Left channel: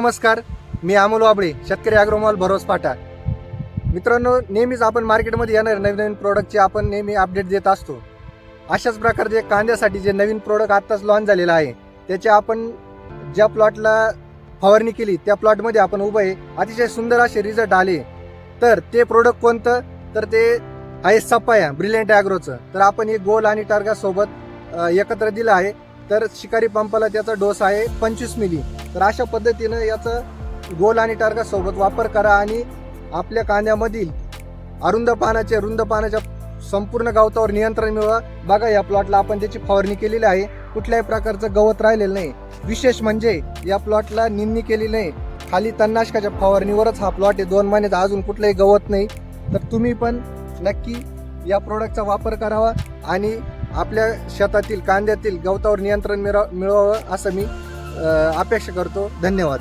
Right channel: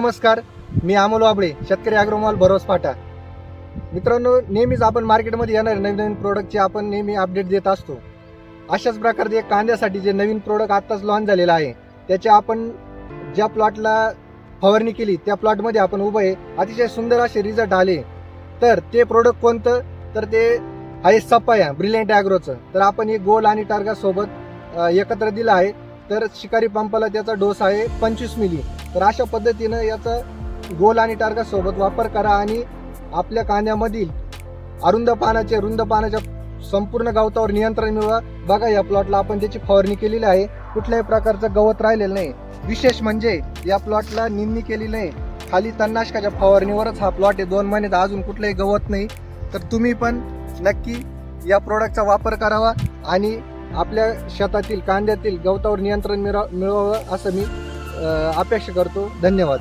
नमस्कार, मी अमोल वाबळे, शेतकरी ॲग्रोमॉल भरोस फाटा. मित्रांनो, नेहमीच आपण मार्केटमध्ये येणारे नवीन नवीन प्रोडक्टचे आपण नेहमी अपडेट देत असतो. अशाच प्रकारचे कांद्यासाठी जे नवीन प्रोडक्ट आत्ताच लॉन्च झालेलं आहे, त्याचे आपण ज्या प्लॉटला फवारणी केली त्या प्लॉटमध्ये आपण उभं आहे, अतिशय सुंदर असे रिझल्ट आले. तर ते प्रोडक्ट कोणतं, तर ते आहे सपाया ब्रिलियंट ॲग्रोचं. तर आपण हे गोल आणि टार्गा सोबत एकत्र दिलं आहे. तर शिकारी पंपाला त्याचा डोस आहे 25 मिली. तर अशा पद्धतीनं याचा गोल आणि टार्गा सोबत वापर करा आणि आपल्या कांद्यामधील रुंद पानाच्या संपूर्ण गवतावर नियंत्रण मिळवा. बघा, या प्लॉटला आपण त्याची फवारणी केलेली आहे, कुठल्याही प्रकारचं गवत राहिलेलं नाही. विशेष म्हणजे या प्लॉटला निंदणी केली नाही, खाली तणनाशकाच्या फवारणीवरच हा प्लॉट आहे. 2 महिन्यात अजून कुठलंही गवत नाही. तर तुम्ही पण नक्की या प्रोडक्टचा वापर करावा आणि आपल्या शेतातील कांद्यातील गवतावर नियंत्रण मिळवावं असं मी अपेक्षा करतो. धन्यवाद.